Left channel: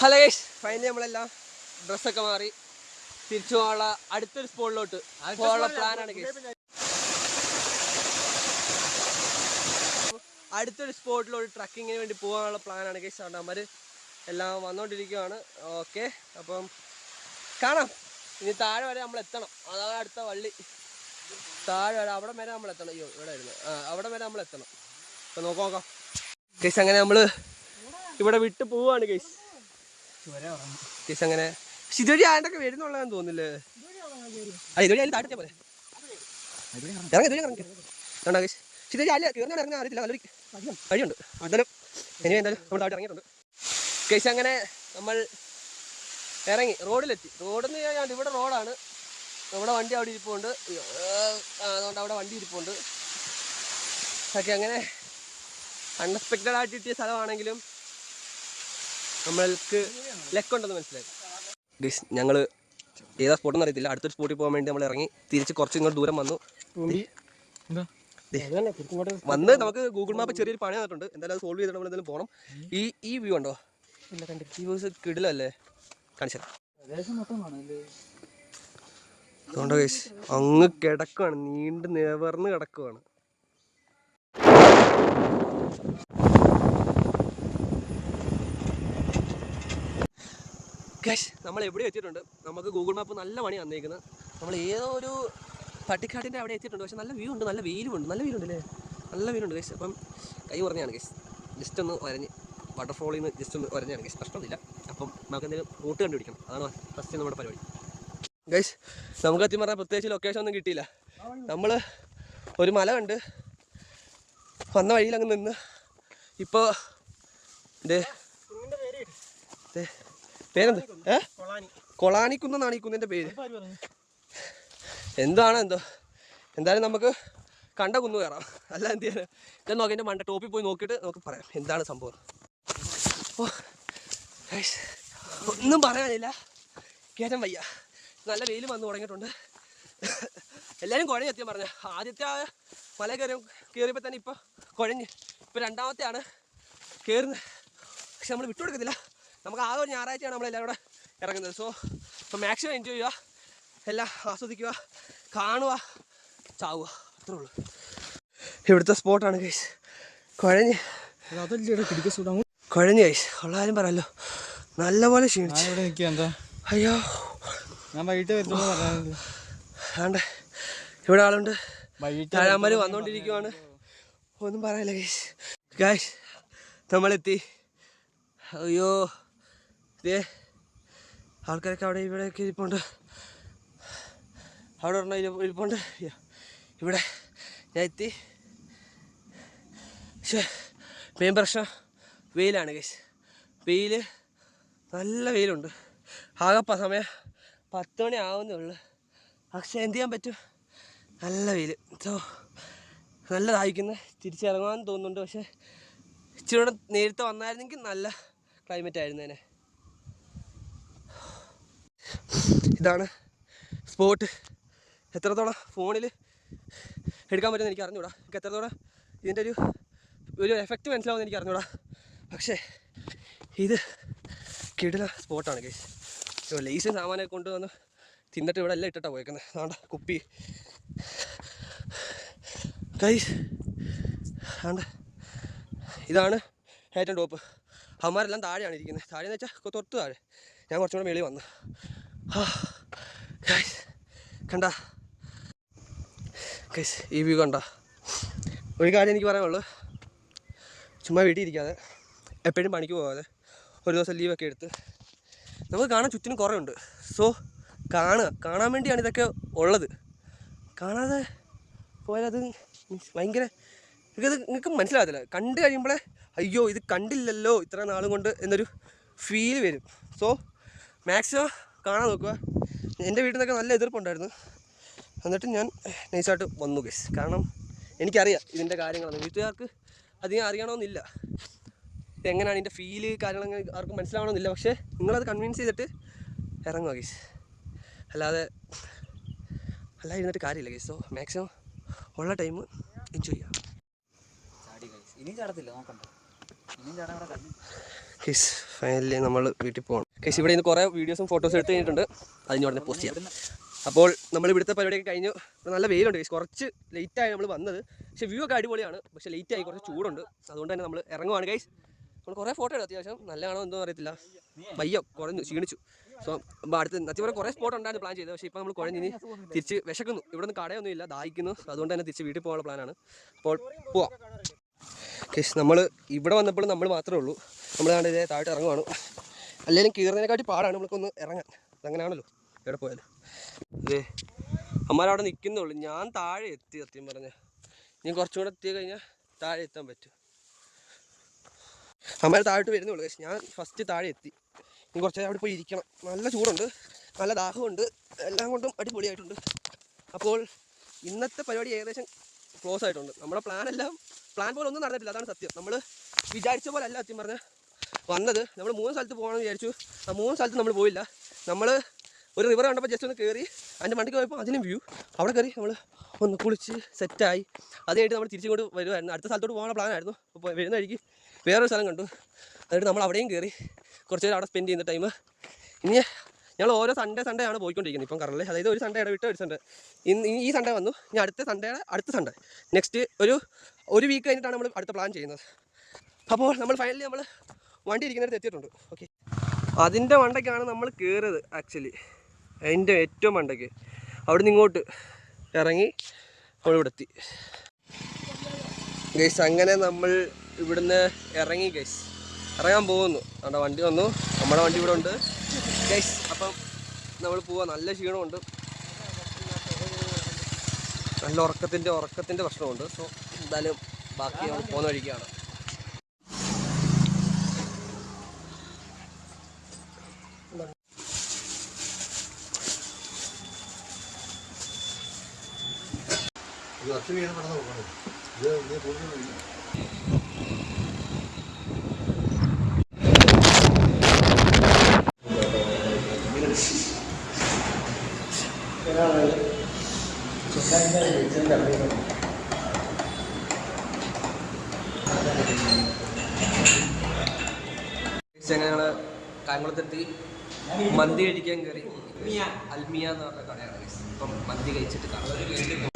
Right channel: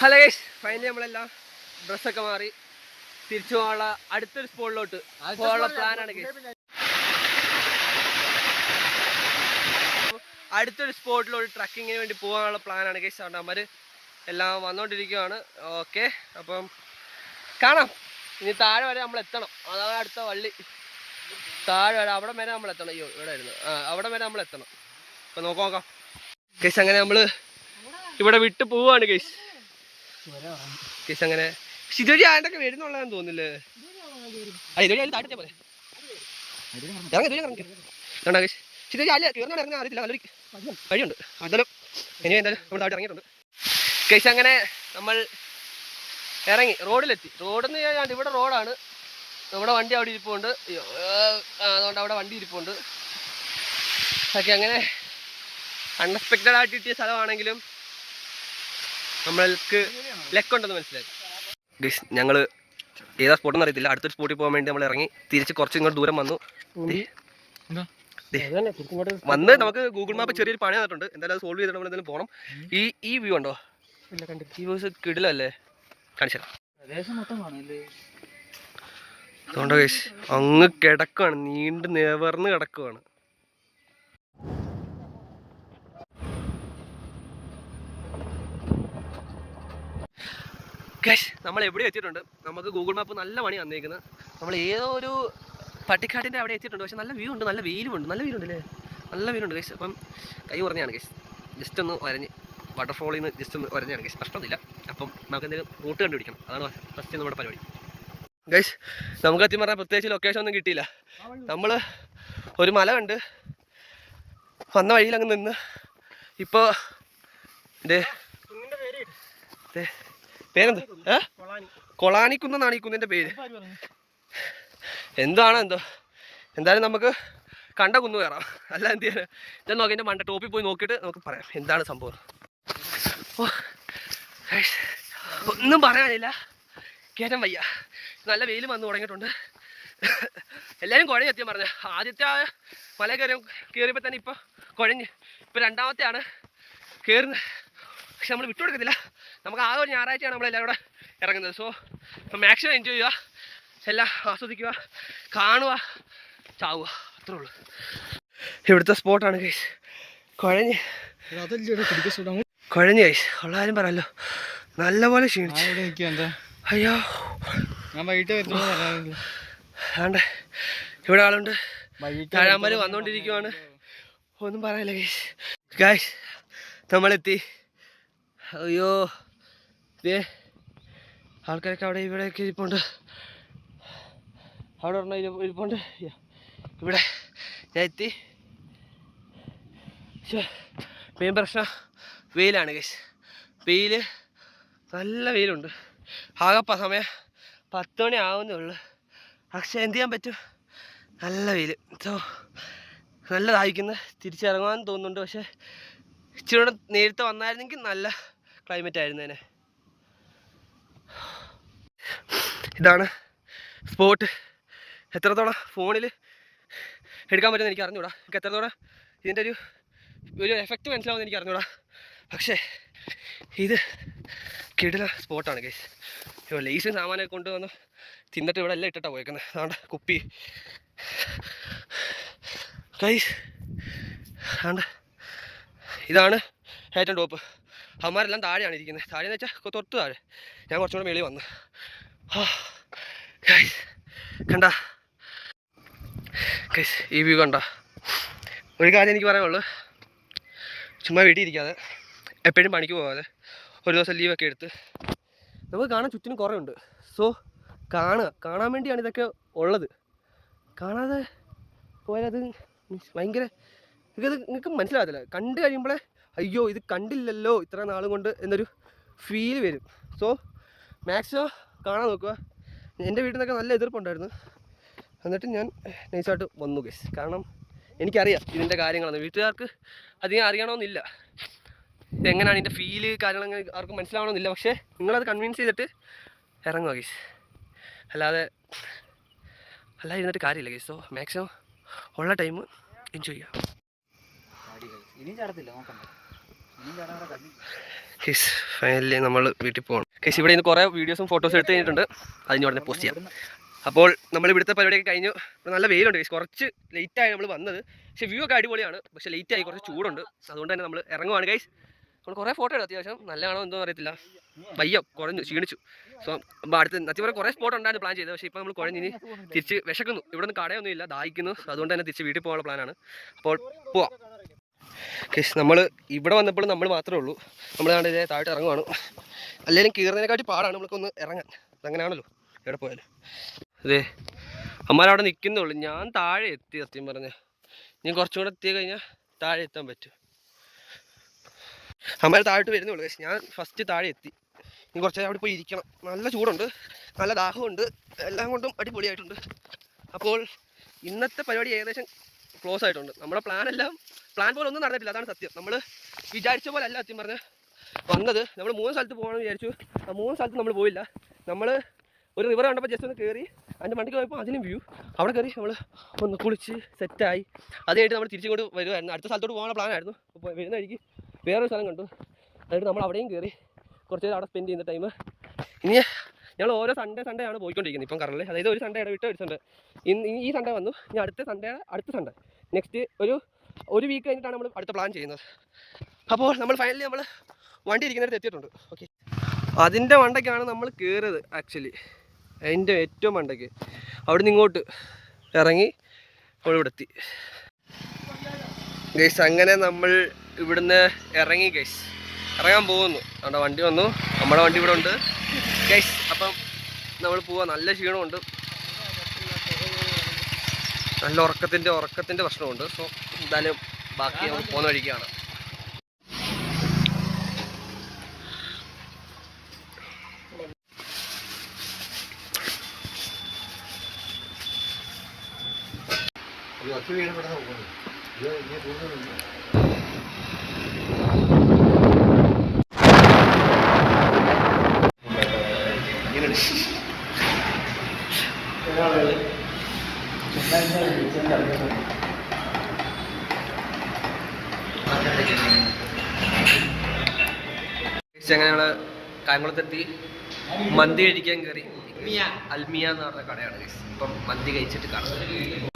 Hello guys, finally നമ്മളെല്ലാം ഡ്രസ്സൊക്കെ മാറി തിരിച്ചു പോകാനുള്ള അടുത്തൊരു സ്പോട്ടിലോട്ട് പോകാനുള്ള പ്ലാനാണ് ഗൈസ്. അടുത്തൊരു സ്പോട്ടിലോട്ട് ട്രക്കിങ്ങിന് വേണ്ടി പോകാനുള്ള പ്ലാനാണ് ഗൈസ്. അതുകൊണ്ട് അവന്മാർ എല്ലാം വന്നുകൊണ്ടിരിക്കുകയാണ്. ഓക്കെ, അപ്പം കാണാം. ഇനി താഴെ വരെ നമ്മൾ എത്തണം. അതാണ് അടുത്ത വള്ളി. താഴെ വരെ അവിടെ വരെ നമ്മൾ എത്തണം. അയ്യോ, ഇവിടെ ആയിരുന്നു. അവിടെ വരെ നമ്മൾ എത്തണം. അപ്പം നോക്കാം ഗൈസ്. അങ്ങനെ നമ്മൾ ഇവിടെ വിട്ട് പോവാണ് ഗൈസ്. ഗൈസ് അങ്ങനെ ഇതുവഴി ആണ്ടൊക്കെ വരുന്നുള്ളതെന്ന് തോന്നില്ലേ? ഇതുവഴി അതിൽ താഴത്തെ പോലെ ഇറങ്ങി ഗൈസ്. ഇതുവഴി അല്ല തീർന്നു ഇറങ്ങാൻ അറിയത്തില്ല. നല്ലൊരു വഴിയുണ്ട്. എന്തായാലും എന്തായാലും നമ്മൾ താഴെ ഇറങ്ങിയിട്ടുണ്ട് ഗൈസ്. അങ്ങനെ നമ്മൾ ഇറങ്ങി റോഡിലെത്തി. റോഡെന്ന് കഴിഞ്ഞാൽ ഇവിടെ റോഡാണ്. നമ്മുടെ വണ്ടി അവിടെ ഇരിപ്പുണ്ട്. അതുകൊണ്ട് അവിടെ വണ്ടി ഇരിപ്പുണ്ട്. ഓക്കെ, അങ്ങനെ അൺഎക്സ്പെക്റ്റഡ് ആയിട്ട് കിട്ടിയ സ്ഥലമാണെങ്കിലും നമ്മൾക്ക് ലെക്കുണ്ടെന്ന് മനസ്സിലായി ഗൈസ്. ഞങ്ങൾ ഏതാ സ്പോട്ടെന്ന് അറിയത്തില്ല. അടുത്തൊരു സ്പോട്ടിൽ പോകാൻ വേണ്ടി നമ്മൾ ഇറങ്ങി തിരിച്ച് കുറച്ച് ഇങ്ങോട്ട് ദൂരം വന്നു. നമുക്ക് ഗൂഗിൾ മാപ്പ് ചെറിയൊരു പണി തന്നിട്ടുണ്ട്. എന്തായാലും അത് സോൾവ് ചെയ്തിട്ട് നമ്മൾ എന്തായാലും പോകണം. ഈ വ്യൂ ഉണ്ടോ? ഈ വ്യൂസ് കിടിലല്ലേ? കാണിച്ചു തരാം. അതുകൊണ്ട് ഗൈസ് അങ്ങ് കിടക്കുവാണ്, നീണ്ട് നിവർന്ന് കിടക്കുവാണ്. ഗൈസ് നമ്മൾ എവിടെ എത്തിയിട്ടുണ്ട്. നമുക്ക് ഗൂഗിൾ മാപ്പ് നല്ല പണി വന്നേക്കുന്നത്. നമ്മൾ ഏതോ ഒരു പട്ടിക്കാട്ടിൻ്റെ അവിടെ എത്തിയിട്ടുണ്ട്. പക്ഷെ നല്ല വ്യൂ ഉണ്ട്, നല്ല വെയിലുമുണ്ട്. നല്ല വെയിലുണ്ടല്ലേ? നല്ല വെയിലുണ്ട് ഗൈസ്. അപ്പം കൈ കുറഞ്ഞാണ് ഗൈസ്. ജസ്റ്റ് ഒന്ന് വരഞ്ഞ് വാട്ടർഫോളിൽ നിന്ന് ജസ്റ്റ് ഒന്ന് വരഞ്ഞാണ് ഗൈസ്. പ്രശ്നമൊന്നുമില്ല. അപ്പം നമുക്ക് എന്തെങ്കിലും റൂട്ട് കണ്ടുപിടിക്കണം. അതാണ് ഫസ്റ്റ് നമ്മുടെ പരിപാടി ഗൈസ്. നമുക്ക് എത്തി പറഞ്ഞാൽ പ്രത്യേകിച്ച് ലൊക്കേഷൻ ഒന്നും കിട്ടിയില്ല. നമ്മൾ ഒരു മല കണ്ട് വന്ന വഴിയിലങ്ങ് നിന്ന് ഇപ്പോൾ പേരെന്ത്? കൊളാനിക്കുന്നാണ് ഈ കുന്നിൻ്റെ പേര്. എന്താണോ എന്തോ. എന്തായാലും നമുക്ക് കണ്ട കുന്നു കയറാം. അല്ല എന്ത് ചെയ്യാൻ? ഇതെന്ന് നോക്കി എൻ്റെ മണ്ട ടോപ്പിൽ പോയി നോക്കിയിട്ട് നമുക്ക് പറയാം എന്താണ് സംഭവം. ഒന്നും പറയാനില്ല, കയറ്റം വയ്യ. നല്ല വെയിൽ വന്ന് തുടങ്ങിയിട്ടുണ്ട്. എല്ലാവരും കുഴഞ്ഞ് എത്തിയാൽ പറഞ്ഞ ആദ്യത്തെ ആ മല കയറിയപ്പോൾ തന്നെ ഇപ്പോൾ കുഴഞ്ഞ്. ഇപ്പോൾ രണ്ടാമത്തെയാണ് കയറുന്നത്. പക്ഷെ നമ്മൾ വിട്ടുകൊടുക്കത്തില്ല. നമുക്ക് ആകെ ഒരു ഞായറാഴ്ചയാണ് നമ്മളെല്ലാവരും കൂടെ ഇറങ്ങുന്നത്. സോ ഇപ്പോൾ മാക്സിമം എൻജോയ് ചെയ്യുക, എല്ലാം ആസ്വദിക്കുക, കാണുക, ചാവുക, അത്രേ ഉള്ളൂ. ഇവിടുത്തെ സ്പോട്ടാണ് ഗൈസ്. കുഴഞ്ഞ് ഗൈസ്. ഉള്ളാരും പറയാമല്ലോ, നല്ലപോലെ ക്ഷീണിച്ചു. അയ്യോ, ആണ്ട് ഇവിടെ ആളുണ്ട്. താഴാമ്പൽ വന്നുകൊണ്ടിരിക്കുവാണ്. ഒന്നും പറയാനില്ല ഗൈസ്. ഗൈസ് നമ്മളെത്തി. അയ്യോ, ആൾക്കാരൊക്കെ അവിടെ ഇവിടെയൊക്കെ ഇരിപ്പുണ്ട്. അവിടെ പറഞ്ഞ ഇരിപ്പുണ്ട്. ഇവിടെ ഞാൻ എത്തി. പക്ഷേ മെയിൻ പ്രശ്നം വെയിലാണ് ഗൈസ്. വെയിൽ, നല്ല വെയിലുണ്ട്. ആകെപ്പ സമയം 10 മണി ആവുന്നേ ഉള്ളൂ. പക്ഷേ എന്ത് ചെയ്യാൻ പറ്റും, നല്ല വെയിൽ. സോ നല്ല ദാഹിക്കുന്നു. തിരിച്ചിറങ്ങാൻ തോന്നുന്നുണ്ട്. പക്ഷേ ഇച്ചിരി കൂടെ നേരത്തെ വന്നായിരുന്നെങ്കിൽ നല്ല ക്ലൈമറ്റ് ആയിരുന്നേനെ. ഇതാണ് സ്പോട്ട്. എത്രത്തോളം ഫോണിൽ എടുക്കാൻ പറ്റുമെന്ന് എനിക്ക് അറിഞ്ഞൂടാ. എനിക്ക് എത്രത്തോളം ഇതിൻ്റെ ഒരു എഫക്റ്റ് മനസ്സിലാവുമെന്ന് എനിക്ക് അറിഞ്ഞൂടാ. പക്ഷേ ഇത് കിടില സ്പോട്ടാണ് ഗൈസ്. ലേസും സാമാനമൊക്കെ കൊണ്ടുവന്ന് തിന്നിട്ട് ഇവിടെ എല്ലാം ഇട്ടിട്ടാണ് പോയേക്കുന്നത്. അതുകൊണ്ട് കുപ്പി ഗൈസ്. അതുകൊണ്ട് ഇതാണ് ഏറ്റവും ടോപ്പ്. അവന്മാരെല്ലാം താഴെയാണ് ഇരിക്കുന്നത്. താഴെയെന്ന് വെച്ചാൽ തൊട്ട് താഴെ. ഞാൻ കുറച്ചും കൂടെ മേളിൽ വന്നു. ഗൈസ് കണ്ട ഗൈസ്, ഈ വ്യൂ കണ്ട. ഒരു കാര്യം എനിക്ക് പറയാനുള്ളൂ, ചുമ്മാ വീട്ടിൽ ഇരിക്കാതെ എപ്പോഴും പണിക്ക് പോകാതെ ഒരു ദിവസം ലീവൊക്കെ എടുത്ത് നമുക്ക് കാണാൻ ചുറ്റിനും കുറേ ഉണ്ട്. സോ കാണാൻ വേണ്ടിയാണ് ഇതൊക്കെ ഉള്ളത്. കാണാതെ പോയാൽ അത് ഭയങ്കര നിങ്ങൾക്ക് മനസ്സിലാകത്തില്ല. കണ്ടു കഴിയുമ്പോഴേ അയ്യോ ഇത് കണ്ടില്ലല്ലോ ഇത്ര നാളും കൊണ്ട് എന്നൊരു ഫീൽ വരും. സോ മാക്സിമം കാണാൻ നോക്കുക. എൻ്റെ വീട്ടിൽ നിന്നൊക്കെ നല്ല എതിർപ്പുണ്ടായിരുന്നു. എന്നിട്ട് ഞാൻ നൈസായിട്ട് വന്നു ഗൈസ്. കാരണം എനിക്കറിയാം ഇതിൻ്റെ കാര്യങ്ങളൊന്നും. വീട്ടുകാർക്ക് അധികം അറിയണമെന്നില്ല, ഇതെങ്ങനെയാണ് ഇതിൻ്റെ ഫീല് കാര്യങ്ങൾ ആർക്കും മനസ്സിലാവണമെന്നില്ല. പക്ഷേ നിങ്ങളത് കൺവിൻസ് ചെയ്തിട്ട് ഇറങ്ങുക ഗൈസ്. അല്ലാതെ ഇരുന്നിട്ട് കാര്യമില്ല ഗൈസ്. സോ മാക്സിമം ഉള്ള ടൈം എൻജോയ് ചെയ്യാം കേസ് ഫൈനലി നമ്മൾ വീട്ടിൽ പോകണം. കേസ് ഇവിടെ നിന്ന് കുറേ വീഡിയോസും ഫോട്ടോസും എടുത്ത് കഴിഞ്ഞിട്ടുണ്ട്. അതിന് ഉടനെ പോസ്റ്റ് ചെയ്യാം. അപ്പോൾ നമ്മൾ ഇവിടുത്തെ പരിപാടിയൊക്കെ കഴിഞ്ഞു. നല്ല വെയിലുണ്ട് കേസ്. കുറച്ച് ലേറ്റായി നമ്മൾ വന്നത്. പക്ഷേ വ്യൂ ഒക്കെ അടിപൊളിയാണ്. പക്ഷേ ലേറ്റായി, കുറച്ച് ചൂടുണ്ട്. അതുകൊണ്ട് തന്നെ നമ്മൾ ഇറങ്ങുവാണ് ഗൈസ്. നമ്മൾ കുറേ ഫോട്ടോ എടുത്തു. അത്യാവശ്യം നല്ലതാണോ എന്തോ അറിയത്തില്ല. വയ്യ, കുറഞ്ഞു, ക്ഷീണിച്ചു. സോ അപ്പോൾ അടുത്ത് അത്യാവശ്യം കുറേ സ്പോട്ട് ഉണ്ടായിരുന്നു പ്ലാൻ ചെയ്തത്. പക്ഷേ ഇപ്പോൾ നമ്മൾ കുഴഞ്ഞിനി തിരിച്ച് വിശക്കുന്നു. ഇവിടെ നിന്ന് കടയൊന്നും ഇല്ല, ദാഹിക്കുന്നു. അതുകൊണ്ട് തന്നെ തിരിച്ച് വീട്ടിൽ പോകാനുള്ള പ്ലാനാണ്. അപ്പോൾ പോവാം. കേസ് നമ്മൾ ഇവിടെ വന്നപ്പോൾ നമ്മൾ മാത്രമേ ഉള്ളൂ. നമ്മൾ ഇതേ താഴോട്ട് ഇറങ്ങുവാണ്. അല്ലെങ്കിൽ കീറുന്നതിനെക്കാട്ടി പാടാണ് നമ്മൾക്കൊന്ന് ഇറങ്ങാൻ. അതങ്ങനെയാണല്ലോ എവിടെ പോയാലും. അതെ, അമ്മമാരവിടെ നിൽക്കുന്നുള്ളൂ. ഞാൻ താഴെ എത്തി. സത്യം പറഞ്ഞാൽ ഞാൻ കുറച്ചും കൂടെ എത്തി കഴിഞ്ഞാൽ താഴെ എത്താൻ പറ്റും. അമ്മമാർ താഴോട്ട് വരുന്നുള്ളൂ. ഞാൻ ഫസ്റ്റ് താഴെ എത്തി. ഇനി കുറച്ച് നേരം അവിടെ പോയി ഇരിക്കണം. നല്ല ചൂടുണ്ട്, നല്ല ദാഹമുണ്ട്, എല്ലാം കൊണ്ടും അടിപൊളിയായിട്ടുണ്ട്. അപ്പോൾ ഇന്നത്തെ പരിപാടി ഏകദേശം ക്ലോസ് ആയിട്ടുണ്ട്. നമ്മുടെ പ്ലാൻ പോലെ ഒന്നും നടന്നിട്ടില്ല. അതാണ് സത്യം. നമ്മൾ വിചാരിച്ച പോലെ അല്ല സത്യം പറഞ്ഞാൽ വന്നത്. നമ്മൾ 3 സ്ഥലത്ത് പോകണമെന്ന് വിചാരിച്ചു. ആ 3 സ്ഥലത്ത് നമ്മൾ പോയില്ല. നമ്മൾ ഒരു റിവർ കണ്ടപ്പോൾ ജസ്റ്റ് ഒന്ന് കയറി അതിൻ്റെ മണ്ടിക്ക് പോയപ്പോൾ അതിനും വ്യൂ. അവിടെ കയറി നമ്മൾ ഒന്ന് കുളിച്ച് സെറ്റായി. അതായിട്ട് നമ്മൾ തിരിച്ചിങ്ങോട്ട് വരുമായിരുന്നു. അടുത്ത സ്ഥലത്തോട്ട് പോകാനുള്ള പ്ലാനായിരുന്നു. അപ്പോൾ വരുന്ന വഴിക്ക് വേറൊരു സ്ഥലം കണ്ടു. അതായിട്ട് നമ്മൾ അവിടെയും കയറി കുറച്ച് നേരം അവിടെ സ്പെൻഡ് ചെയ്യുന്ന ടൈം. ഇനി ഞങ്ങൾ ഓരോ സൺഡേ ആണ് പോയിക്കൊണ്ടിരിക്കുന്നത് ഇപ്പം കറണ്ടിൽ. അതായത് ഒരു സൺഡേ ഇടവിട്ട് ഒരു സൺഡേ. ഈ സൺഡേ വന്നു. ഇനി അടുത്ത സൺഡേ നെക്സ്റ്റ് ഒരു വീക്ക് കഴിഞ്ഞിട്ടാണ് നമ്മൾ അടുത്ത പ്ലാൻ ചെയ്യുന്നത്. അപ്പോൾ ഫൈനലി നമ്മൾ വണ്ടി ഇരിക്കുന്നിടത്ത് എത്തിയിട്ടുണ്ട്. ഓക്കെ, അതിൻ്റെ മണ്ടയ്ക്കാണ് നമ്മൾ കയറിയത്. ആക്ച്വലി അതിൻ്റെ ഏറ്റവും മണ്ടയ്ക്ക് അവിടെ നിന്ന് ഇങ്ങോട്ട് ഇറങ്ങി ഇവിടെ എത്തി ഗൈസ്. അങ്ങനെ നമ്മൾ ഇവിടുന്ന് ഇറങ്ങി ഗൈസ്, ഇറങ്ങാൻ പോകുന്നു. നമ്മുടെ വണ്ടി വന്നു, നമ്മുടെ വണ്ടി ഇവിടെ ഉണ്ട് ഗൈസ്. അപ്പം നമ്മൾ പോവാം. നല്ല ക്ഷീണമുണ്ട്, നല്ല ഉറക്കത്തിൻ്റെ പ്രശ്നമുണ്ട്. സോ എന്തായാലും ബാക്കി നമ്മൾ പോകുന്ന വഴിക്കാണ്. അങ്ങനെ ഞങ്ങൾ കായംകുളത്തെത്തി. മന്തി കഴിക്കാൻ കയറി. അൽമിയ എന്ന് പറഞ്ഞ കടയാണ്. ഇപ്പം മന്തി കഴിച്ചിട്ട് കാണാം.